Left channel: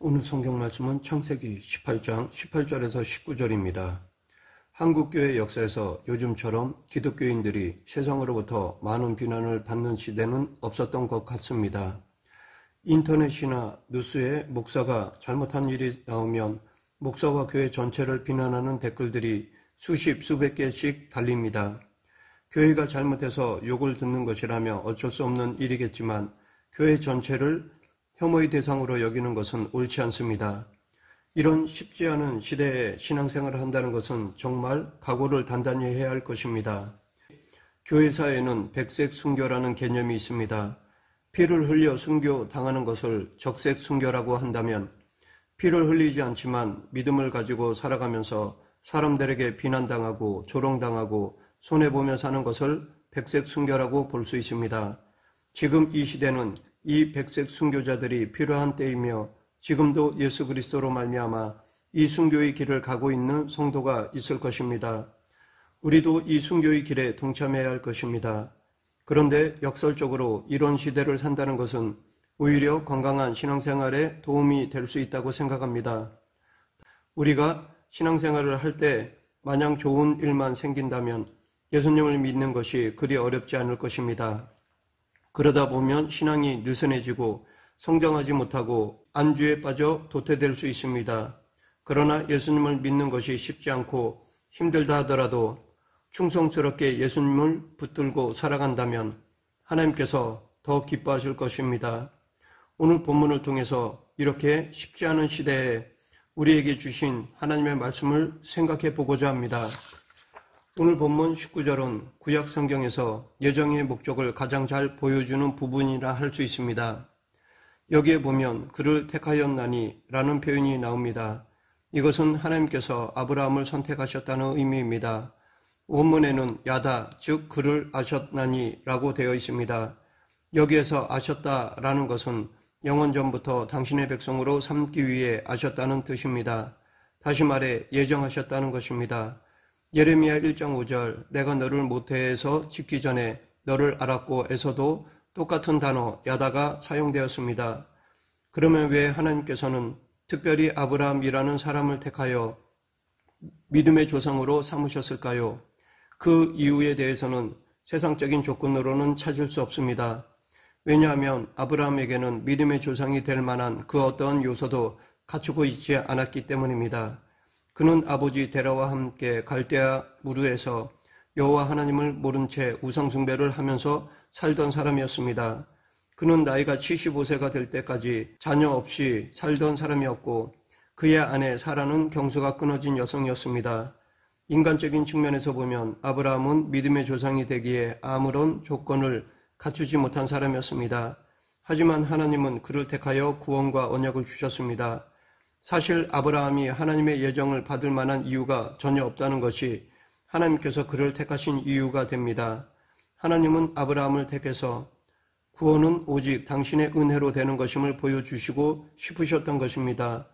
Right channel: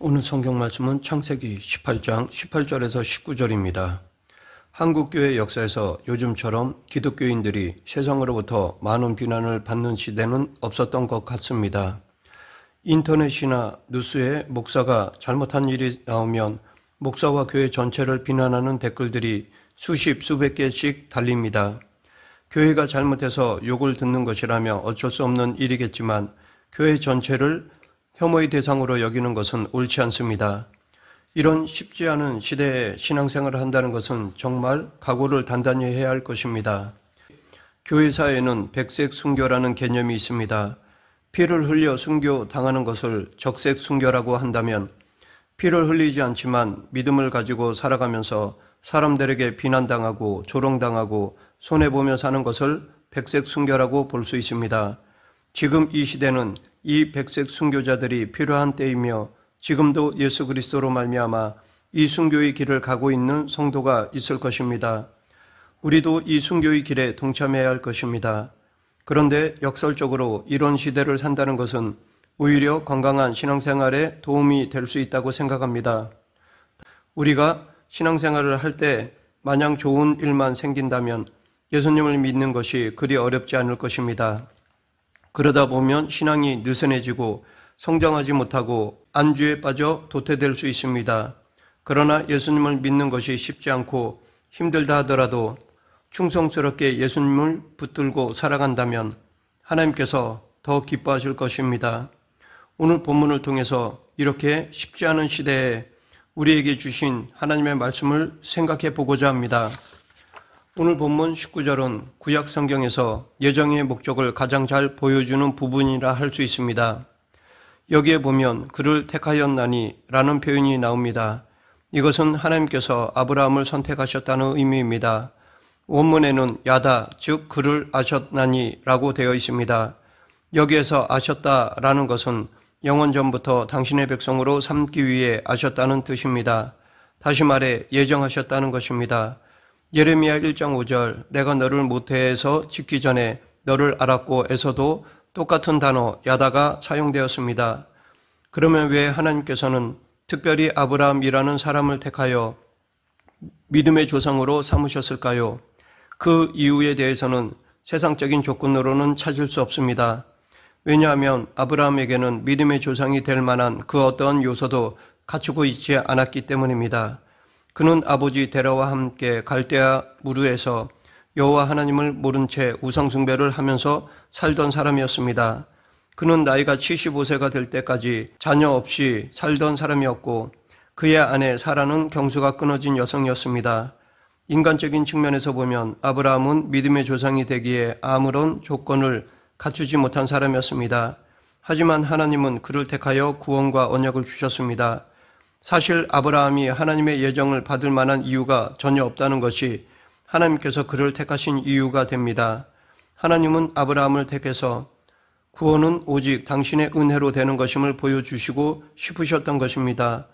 오늘 성경 말씀은 창세기 18장 18절에서 19절입니다. 한국교회 역사에서 요즘처럼 기독교인들이 세상으로부터 많은 비난을 받는 시대는 없었던 것 같습니다. 인터넷이나 뉴스에 목사가 잘못한 일이 나오면 목사와 교회 전체를 비난하는 댓글들이 수십, 수백 개씩 달립니다. 교회가 잘못해서 욕을 듣는 것이라며 어쩔 수 없는 일이겠지만 교회 전체를 혐오의 대상으로 여기는 것은 옳지 않습니다. 이런 쉽지 않은 시대에 신앙생활을 한다는 것은 정말 각오를 단단히 해야 할 것입니다. 교회사에는 백색 순교라는 개념이 있습니다. 피를 흘려 순교 당하는 것을 적색 순교라고 한다면 피를 흘리지 않지만 믿음을 가지고 살아가면서 사람들에게 비난당하고 조롱당하고 손해보며 사는 것을 백색 순교라고 볼 수 있습니다. 지금 이 시대는 이 백색 순교자들이 필요한 때이며 지금도 예수 그리스도로 말미암아 이 순교의 길을 가고 있는 성도가 있을 것입니다. 우리도 이 순교의 길에 동참해야 할 것입니다. 그런데 역설적으로 이런 시대를 산다는 것은 오히려 건강한 신앙생활에 도움이 될 수 있다고 생각합니다. 우리가 신앙생활을 할 때 마냥 좋은 일만 생긴다면 예수님을 믿는 것이 그리 어렵지 않을 것입니다. 그러다 보면 신앙이 느슨해지고 성장하지 못하고 안주에 빠져 도태될 수 있습니다. 그러나 예수님을 믿는 것이 쉽지 않고 힘들다 하더라도 충성스럽게 예수님을 붙들고 살아간다면 하나님께서 더 기뻐하실 것입니다. 오늘 본문을 통해서 이렇게 쉽지 않은 시대에 우리에게 주신 하나님의 말씀을 생각해 보고자 합니다. 오늘 본문 19절은 구약 성경에서 예정의 목적을 가장 잘 보여주는 부분이라 할 수 있습니다. 여기에 보면 그를 택하였나니 라는 표현이 나옵니다. 이것은 하나님께서 아브라함을 선택하셨다는 의미입니다. 원문에는 야다, 즉 그를 아셨나니 라고 되어 있습니다. 여기에서 아셨다라는 것은 영원전부터 당신의 백성으로 삼기 위해 아셨다는 뜻입니다. 다시 말해 예정하셨다는 것입니다. 예레미야 1장 5절 내가 너를 모태에서 짓기 전에 너를 알았고 에서도 똑같은 단어 야다가 사용되었습니다. 그러면 왜 하나님께서는 특별히 아브라함이라는 사람을 택하여 믿음의 조상으로 삼으셨을까요? 그 이유에 대해서는 세상적인 조건으로는 찾을 수 없습니다. 왜냐하면 아브라함에게는 믿음의 조상이 될 만한 그 어떠한 요소도 갖추고 있지 않았기 때문입니다. 그는 아버지 데라와 함께 갈대아 무르에서 여호와 하나님을 모른 채 우상숭배를 하면서 살던 사람이었습니다. 그는 나이가 75세가 될 때까지 자녀 없이 살던 사람이었고 그의 아내 사라는 경수가 끊어진 여성이었습니다. 인간적인 측면에서 보면 아브라함은 믿음의 조상이 되기에 아무런 조건을 갖추지 못한 사람이었습니다. 하지만 하나님은 그를 택하여 구원과 언약을 주셨습니다. 사실 아브라함이 하나님의 예정을 받을 만한 이유가 전혀 없다는 것이 하나님께서 그를 택하신 이유가 됩니다. 하나님은 아브라함을 택해서 구원은 오직 당신의 은혜로 되는 것임을 보여주시고 싶으셨던 것입니다.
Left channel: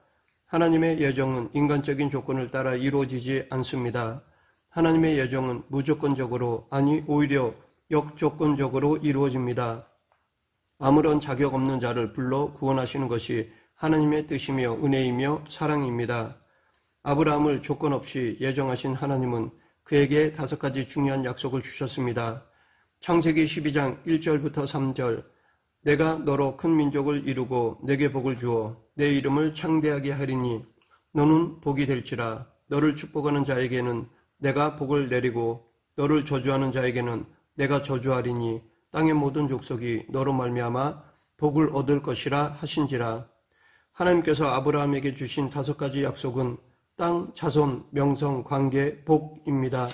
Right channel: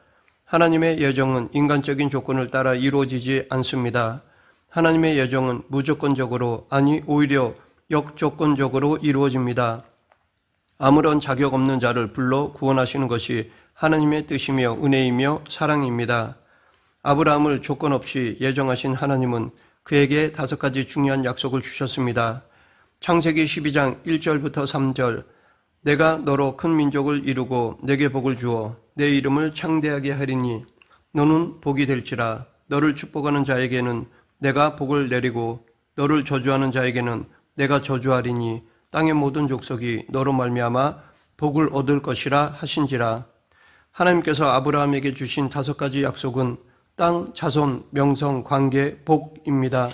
하나님의 예정은 인간적인 조건을 따라 이루어지지 않습니다. 하나님의 예정은 무조건적으로, 아니 오히려 역조건적으로 이루어집니다. 아무런 자격 없는 자를 불러 구원하시는 것이 하나님의 뜻이며 은혜이며 사랑입니다. 아브라함을 조건 없이 예정하신 하나님은 그에게 5가지 중요한 약속을 주셨습니다. 창세기 12장 1절부터 3절 내가 너로 큰 민족을 이루고 내게 복을 주어 내 이름을 창대하게 하리니 너는 복이 될지라. 너를 축복하는 자에게는 내가 복을 내리고 너를 저주하는 자에게는 내가 저주하리니 땅의 모든 족속이 너로 말미암아 복을 얻을 것이라 하신지라. 하나님께서 아브라함에게 주신 5가지 약속은 땅, 자손, 명성, 관계, 복입니다.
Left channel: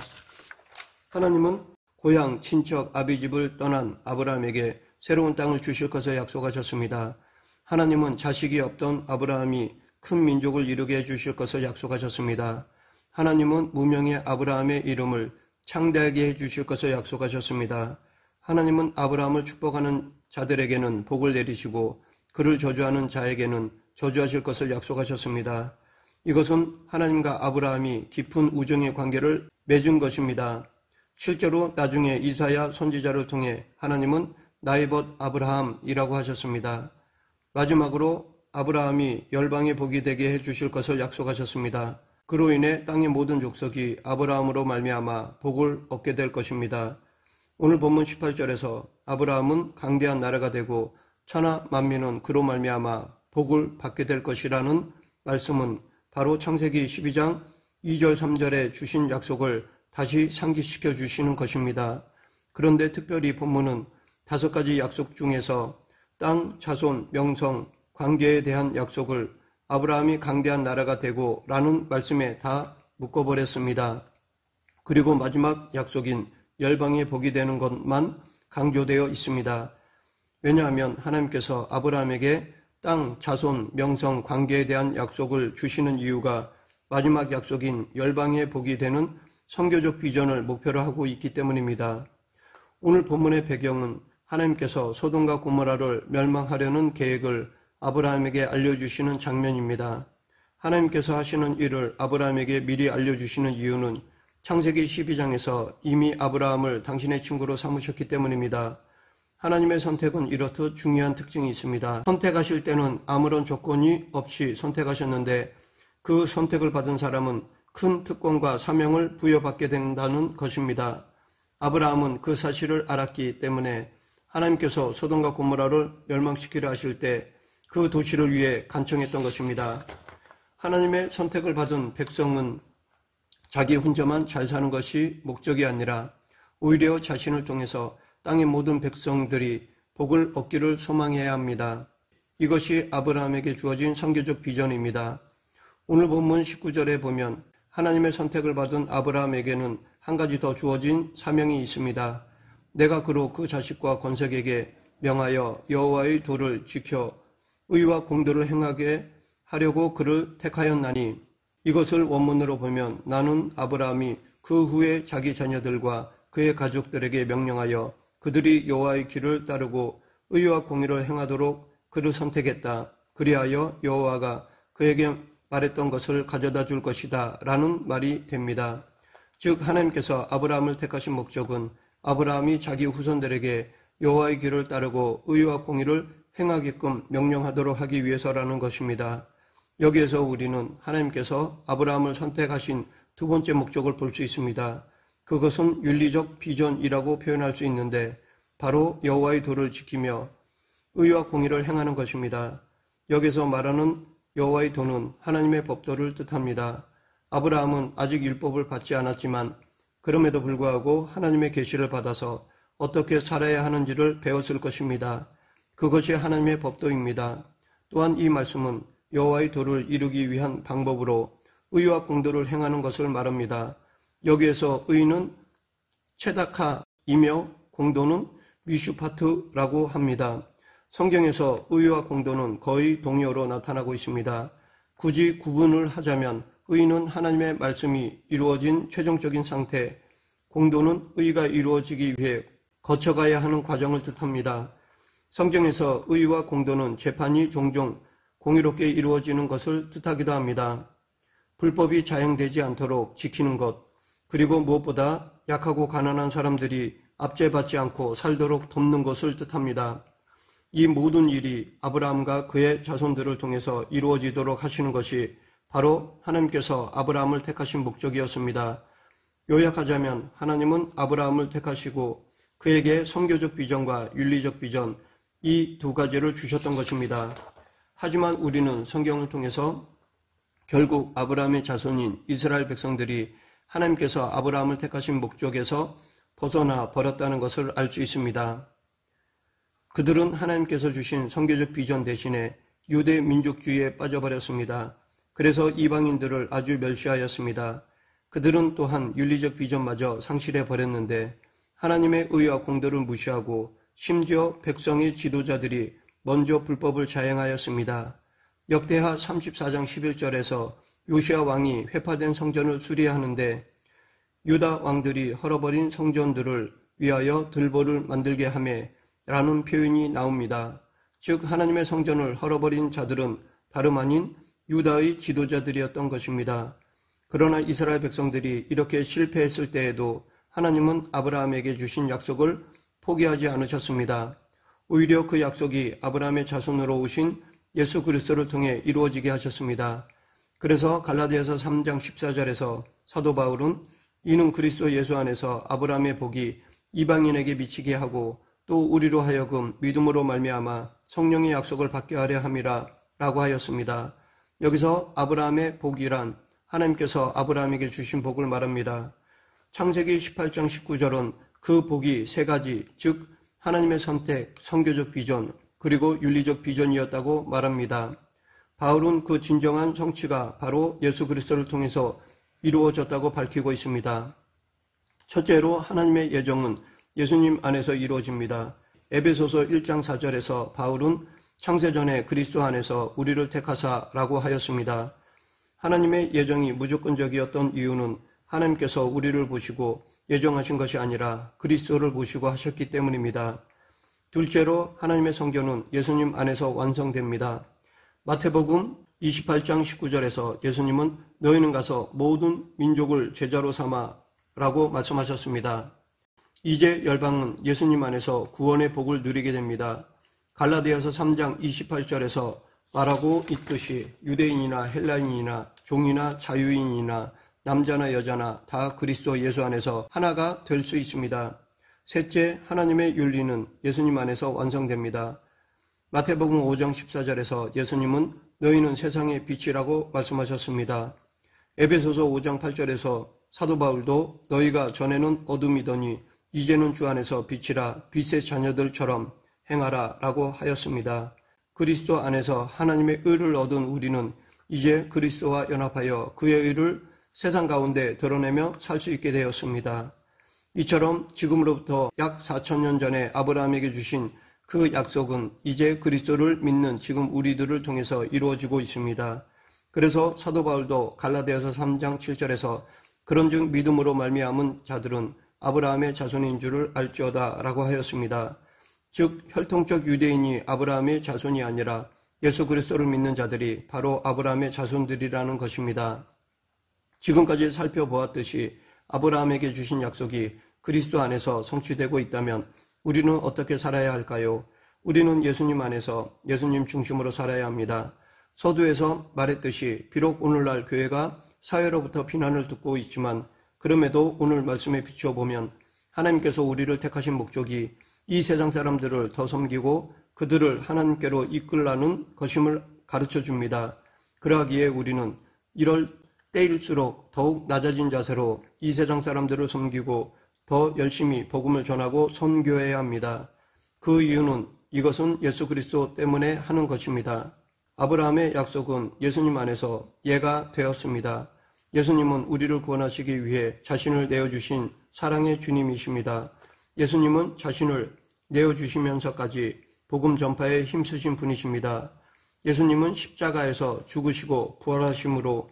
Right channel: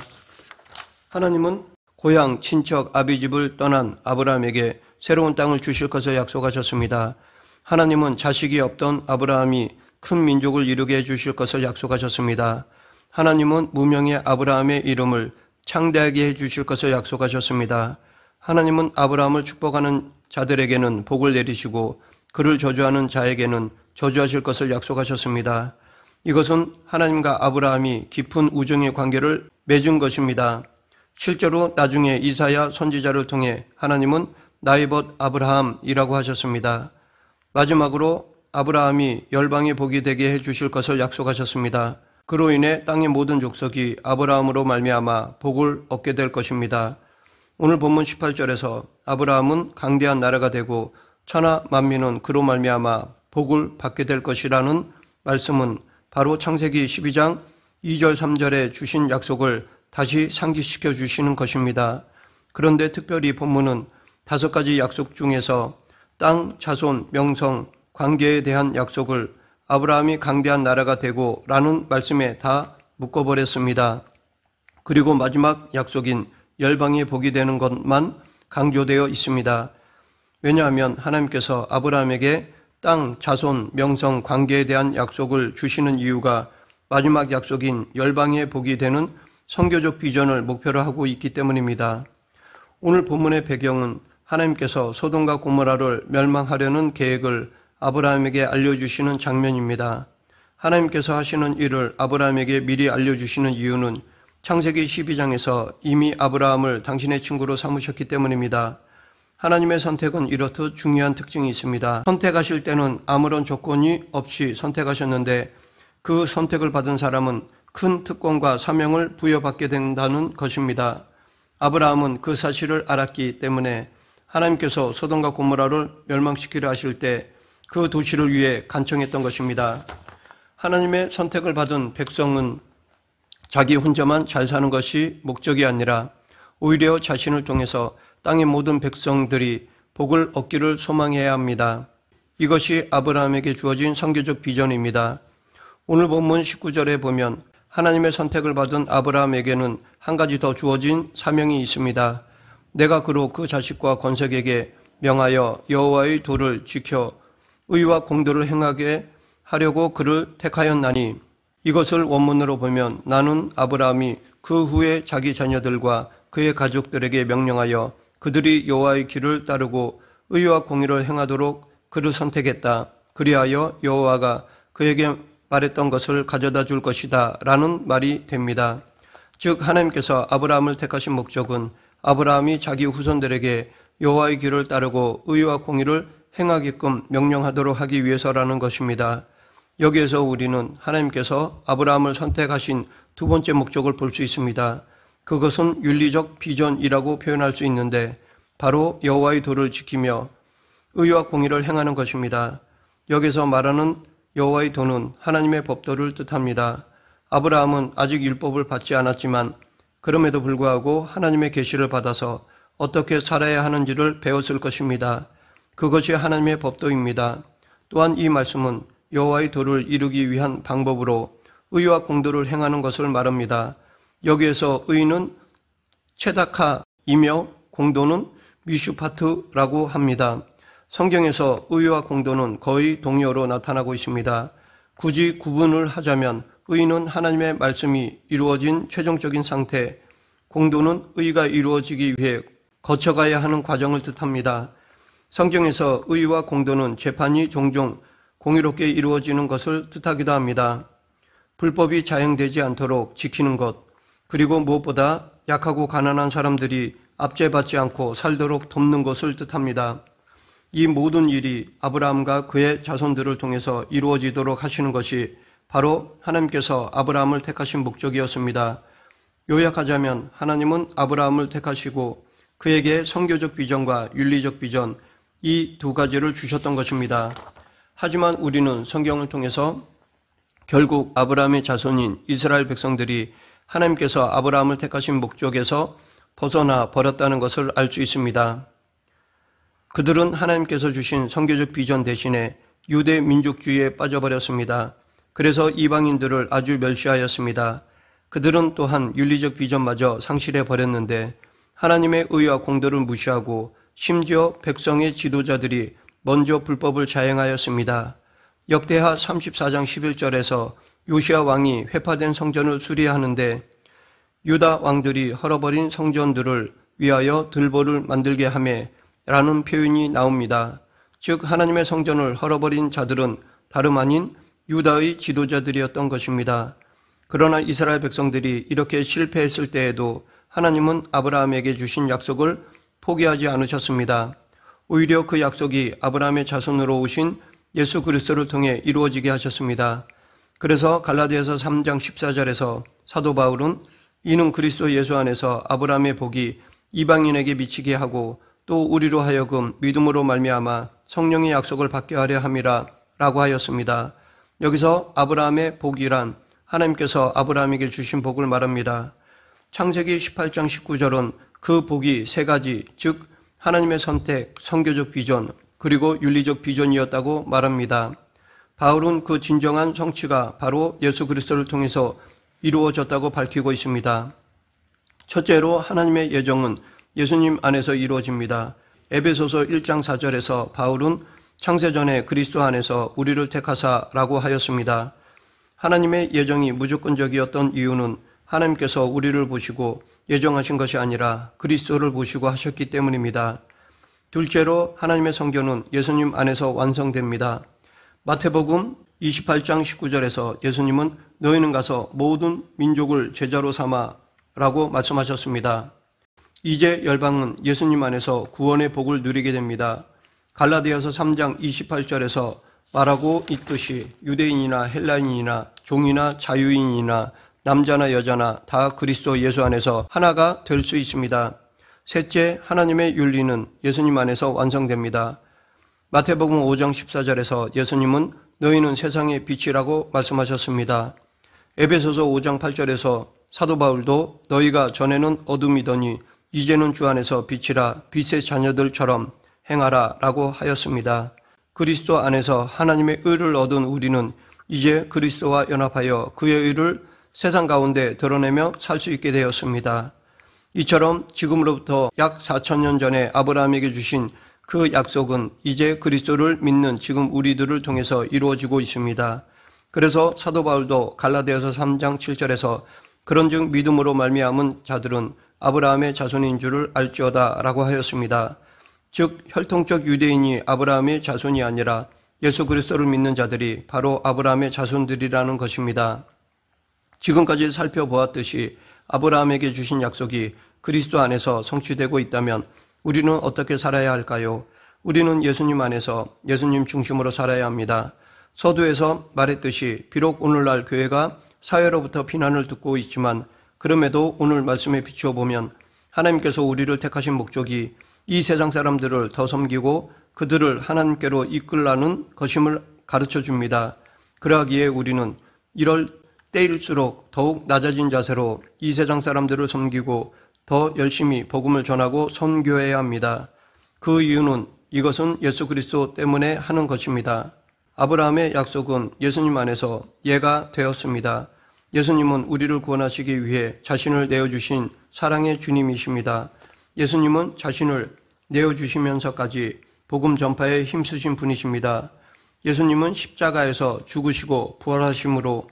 하나님은 고향, 친척, 아비집을 떠난 아브라함에게 새로운 땅을 주실 것을 약속하셨습니다. 하나님은 자식이 없던 아브라함이 큰 민족을 이루게 해주실 것을 약속하셨습니다. 하나님은 무명의 아브라함의 이름을 창대하게 해주실 것을 약속하셨습니다. 하나님은 아브라함을 축복하는 자들에게는 복을 내리시고 그를 저주하는 자에게는 저주하실 것을 약속하셨습니다. 이것은 하나님과 아브라함이 깊은 우정의 관계를 맺은 것입니다. 실제로 나중에 이사야 선지자를 통해 하나님은 나이봇 아브라함이라고 하셨습니다. 마지막으로 아브라함이 열방의 복이 되게 해주실 것을 약속하셨습니다. 그로 인해 땅의 모든 족속이 아브라함으로 말미암아 복을 얻게 될 것입니다. 오늘 본문 18절에서 아브라함은 강대한 나라가 되고 천하 만민은 그로 말미암아 복을 받게 될 것이라는 말씀은 바로 창세기 12장 2절 3절에 주신 약속을 다시 상기시켜 주시는 것입니다. 그런데 특별히 본문은 5가지 약속 중에서 땅, 자손, 명성, 관계에 대한 약속을 아브라함이 강대한 나라가 되고 라는 말씀에 다 묶어버렸습니다. 그리고 마지막 약속인 열방의 복이 되는 것만 강조되어 있습니다. 왜냐하면 하나님께서 아브라함에게 땅, 자손, 명성, 관계에 대한 약속을 주시는 이유가 마지막 약속인 열방의 복이 되는 선교적 비전을 목표로 하고 있기 때문입니다. 오늘 본문의 배경은 하나님께서 소돔과 고모라를 멸망하려는 계획을 아브라함에게 알려주시는 장면입니다. 하나님께서 하시는 일을 아브라함에게 미리 알려주시는 이유는 창세기 12장에서 이미 아브라함을 당신의 친구로 삼으셨기 때문입니다. 하나님의 선택은 이렇듯 중요한 특징이 있습니다. 선택하실 때는 아무런 조건이 없이 선택하셨는데 그 선택을 받은 사람은 큰 특권과 사명을 부여받게 된다는 것입니다. 아브라함은 그 사실을 알았기 때문에 하나님께서 소돔과 고모라를 멸망시키려 하실 때 그 도시를 위해 간청했던 것입니다. 하나님의 선택을 받은 백성은 자기 혼자만 잘 사는 것이 목적이 아니라 오히려 자신을 통해서 땅의 모든 백성들이 복을 얻기를 소망해야 합니다. 이것이 아브라함에게 주어진 선교적 비전입니다. 오늘 본문 19절에 보면 하나님의 선택을 받은 아브라함에게는 한 가지 더 주어진 사명이 있습니다. 내가 그로 그 자식과 건색에게 명하여 여호와의 도를 지켜 의와 공도를 행하게 하려고 그를 택하였나니 이것을 원문으로 보면 나는 아브라함이 그 후에 자기 자녀들과 그의 가족들에게 명령하여 그들이 여호와의 길을 따르고 의와 공의를 행하도록 그를 선택했다. 그리하여 여호와가 그에게 말했던 것을 가져다 줄 것이다 라는 말이 됩니다. 즉 하나님께서 아브라함을 택하신 목적은 아브라함이 자기 후손들에게 여호와의 길을 따르고 의와 공의를 행하게끔 명령하도록 하기 위해서라는 것입니다. 여기에서 우리는 하나님께서 아브라함을 선택하신 두 번째 목적을 볼 수 있습니다. 그것은 윤리적 비전이라고 표현할 수 있는데 바로 여호와의 도를 지키며 의와 공의를 행하는 것입니다. 여기서 말하는 여호와의 도는 하나님의 법도를 뜻합니다. 아브라함은 아직 율법을 받지 않았지만 그럼에도 불구하고 하나님의 계시를 받아서 어떻게 살아야 하는지를 배웠을 것입니다. 그것이 하나님의 법도입니다. 또한 이 말씀은 여호와의 도를 이루기 위한 방법으로 의와 공도를 행하는 것을 말합니다. 여기에서 의는 체다카이며 공도는 미슈파트라고 합니다. 성경에서 의와 공도는 거의 동요로 나타나고 있습니다. 굳이 구분을 하자면 의는 하나님의 말씀이 이루어진 최종적인 상태, 공도는 의가 이루어지기 위해 거쳐가야 하는 과정을 뜻합니다. 성경에서 의와 공도는 재판이 종종 공의롭게 이루어지는 것을 뜻하기도 합니다. 불법이 자행되지 않도록 지키는 것, 그리고 무엇보다 약하고 가난한 사람들이 압제받지 않고 살도록 돕는 것을 뜻합니다. 이 모든 일이 아브라함과 그의 자손들을 통해서 이루어지도록 하시는 것이 바로 하나님께서 아브라함을 택하신 목적이었습니다. 요약하자면 하나님은 아브라함을 택하시고 그에게 선교적 비전과 윤리적 비전, 이 두 가지를 주셨던 것입니다. 하지만 우리는 성경을 통해서 결국 아브라함의 자손인 이스라엘 백성들이 하나님께서 아브라함을 택하신 목적에서 벗어나 버렸다는 것을 알 수 있습니다. 그들은 하나님께서 주신 선교적 비전 대신에 유대 민족주의에 빠져버렸습니다. 그래서 이방인들을 아주 멸시하였습니다. 그들은 또한 윤리적 비전마저 상실해 버렸는데 하나님의 의와 공도를 무시하고 심지어 백성의 지도자들이 먼저 불법을 자행하였습니다. 역대하 34장 11절에서 요시야 왕이 회파된 성전을 수리하는데 유다 왕들이 헐어버린 성전들을 위하여 들보를 만들게 하매 라는 표현이 나옵니다. 즉 하나님의 성전을 헐어버린 자들은 다름 아닌 유다의 지도자들이었던 것입니다. 그러나 이스라엘 백성들이 이렇게 실패했을 때에도 하나님은 아브라함에게 주신 약속을 포기하지 않으셨습니다. 오히려 그 약속이 아브라함의 자손으로 오신 예수 그리스도를 통해 이루어지게 하셨습니다. 그래서 갈라디아서 3장 14절에서 사도 바울은 이는 그리스도 예수 안에서 아브라함의 복이 이방인에게 미치게 하고 또 우리로 하여금 믿음으로 말미암아 성령의 약속을 받게 하려 함이라 라고 하였습니다. 여기서 아브라함의 복이란 하나님께서 아브라함에게 주신 복을 말합니다. 창세기 18장 19절은 그 복이 세 가지, 즉 하나님의 선택, 선교적 비전, 그리고 윤리적 비전이었다고 말합니다. 바울은 그 진정한 성취가 바로 예수 그리스도를 통해서 이루어졌다고 밝히고 있습니다. 첫째로 하나님의 예정은 예수님 안에서 이루어집니다. 에베소서 1장 4절에서 바울은 창세전에 그리스도 안에서 우리를 택하사라고 하였습니다. 하나님의 예정이 무조건적이었던 이유는 하나님께서 우리를 보시고 예정하신 것이 아니라 그리스도를 보시고 하셨기 때문입니다. 둘째로 하나님의 선교는 예수님 안에서 완성됩니다. 마태복음 28장 19절에서 예수님은 너희는 가서 모든 민족을 제자로 삼아라고 말씀하셨습니다. 이제 열방은 예수님 안에서 구원의 복을 누리게 됩니다. 갈라디아서 3장 28절에서 말하고 있듯이 유대인이나 헬라인이나 종이나 자유인이나 남자나 여자나 다 그리스도 예수 안에서 하나가 될 수 있습니다. 셋째, 하나님의 윤리는 예수님 안에서 완성됩니다. 마태복음 5장 14절에서 예수님은 너희는 세상의 빛이라고 말씀하셨습니다. 에베소서 5장 8절에서 사도 바울도 너희가 전에는 어둠이더니 이제는 주 안에서 빛이라 빛의 자녀들처럼 행하라 라고 하였습니다. 그리스도 안에서 하나님의 의를 얻은 우리는 이제 그리스도와 연합하여 그의 의를 세상 가운데 드러내며 살 수 있게 되었습니다. 이처럼 지금으로부터 약 4,000년 전에 아브라함에게 주신 그 약속은 이제 그리스도를 믿는 지금 우리들을 통해서 이루어지고 있습니다. 그래서 사도 바울도 갈라디아서 3장 7절에서 그런즉 믿음으로 말미암은 자들은 아브라함의 자손인 줄을 알지어다 라고 하였습니다. 즉 혈통적 유대인이 아브라함의 자손이 아니라 예수 그리스도를 믿는 자들이 바로 아브라함의 자손들이라는 것입니다. 지금까지 살펴보았듯이 아브라함에게 주신 약속이 그리스도 안에서 성취되고 있다면 우리는 어떻게 살아야 할까요? 우리는 예수님 안에서 예수님 중심으로 살아야 합니다. 서두에서 말했듯이 비록 오늘날 교회가 사회로부터 비난을 듣고 있지만 그럼에도 오늘 말씀에 비추어 보면 하나님께서 우리를 택하신 목적이 이 세상 사람들을 더 섬기고 그들을 하나님께로 이끌라는 것임을 가르쳐 줍니다. 그러하기에 우리는 이럴 때일수록 더욱 낮아진 자세로 이 세상 사람들을 섬기고 더 열심히 복음을 전하고 선교해야 합니다. 그 이유는 이것은 예수 그리스도 때문에 하는 것입니다. 아브라함의 약속은 예수님 안에서 예가 되었습니다. 예수님은 우리를 구원하시기 위해 자신을 내어주신 사랑의 주님이십니다. 예수님은 자신을 내어주시면서까지 복음 전파에 힘쓰신 분이십니다. 예수님은 십자가에서 죽으시고 부활하심으로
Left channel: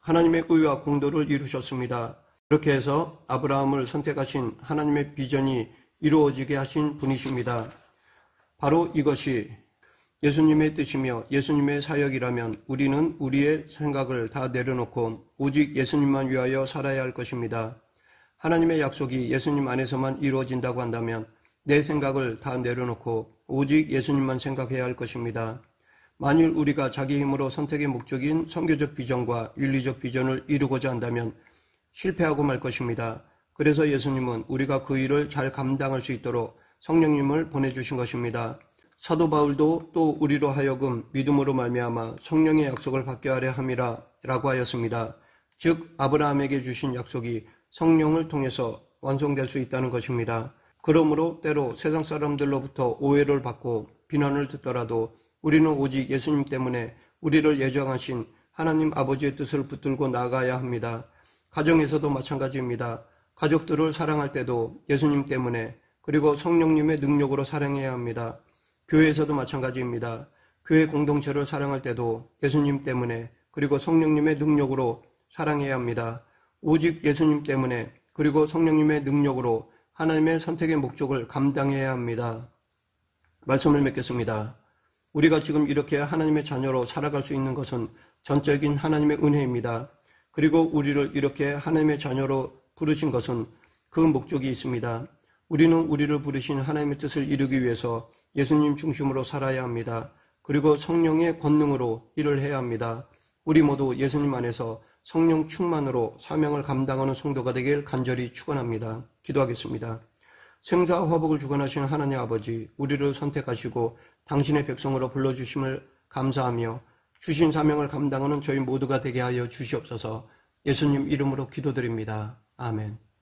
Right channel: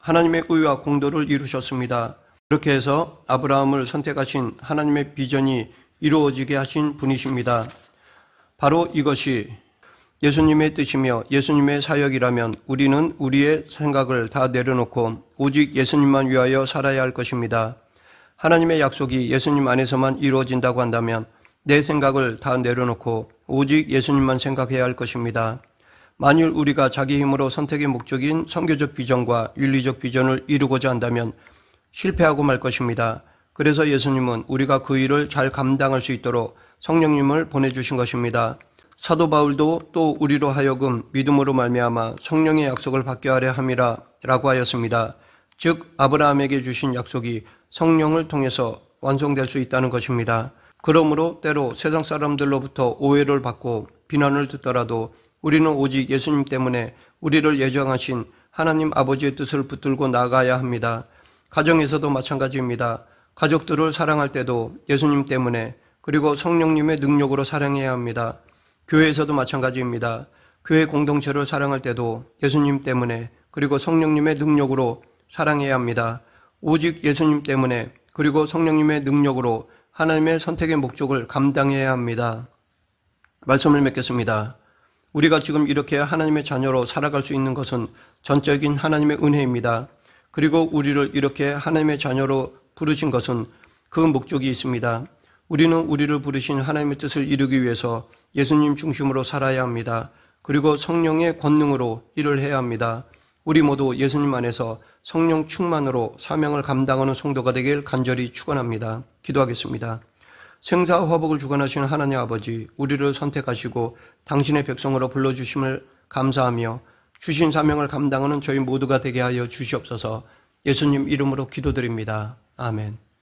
하나님의 의와 공도를 이루셨습니다. 그렇게 해서 아브라함을 선택하신 하나님의 비전이 이루어지게 하신 분이십니다. 바로 이것이 예수님의 뜻이며 예수님의 사역이라면 우리는 우리의 생각을 다 내려놓고 오직 예수님만 위하여 살아야 할 것입니다. 하나님의 약속이 예수님 안에서만 이루어진다고 한다면 내 생각을 다 내려놓고 오직 예수님만 생각해야 할 것입니다. 만일 우리가 자기 힘으로 선택의 목적인 선교적 비전과 윤리적 비전을 이루고자 한다면 실패하고 말 것입니다. 그래서 예수님은 우리가 그 일을 잘 감당할 수 있도록 성령님을 보내주신 것입니다. 사도 바울도 또 우리로 하여금 믿음으로 말미암아 성령의 약속을 받게 하려 함이라 라고 하였습니다. 즉 아브라함에게 주신 약속이 성령을 통해서 완성될 수 있다는 것입니다. 그러므로 때로 세상 사람들로부터 오해를 받고 비난을 듣더라도 우리는 오직 예수님 때문에 우리를 예정하신 하나님 아버지의 뜻을 붙들고 나가야 합니다. 가정에서도 마찬가지입니다. 가족들을 사랑할 때도 예수님 때문에 그리고 성령님의 능력으로 사랑해야 합니다. 교회에서도 마찬가지입니다. 교회 공동체를 사랑할 때도 예수님 때문에 그리고 성령님의 능력으로 사랑해야 합니다. 오직 예수님 때문에 그리고 성령님의 능력으로 하나님의 선택의 목적을 감당해야 합니다. 말씀을 맺겠습니다. 우리가 지금 이렇게 하나님의 자녀로 살아갈 수 있는 것은 전적인 하나님의 은혜입니다. 그리고 우리를 이렇게 하나님의 자녀로 부르신 것은 그 목적이 있습니다. 우리는 우리를 부르신 하나님의 뜻을 이루기 위해서 예수님 중심으로 살아야 합니다. 그리고 성령의 권능으로 일을 해야 합니다. 우리 모두 예수님 안에서 성령 충만으로 사명을 감당하는 성도가 되길 간절히 축원합니다. 기도하겠습니다. 생사와 화복을 주관하시는 하나님 아버지, 우리를 선택하시고 당신의 백성으로 불러주심을 감사하며 주신 사명을 감당하는 저희 모두가 되게 하여 주시옵소서. 예수님 이름으로 기도드립니다. 아멘.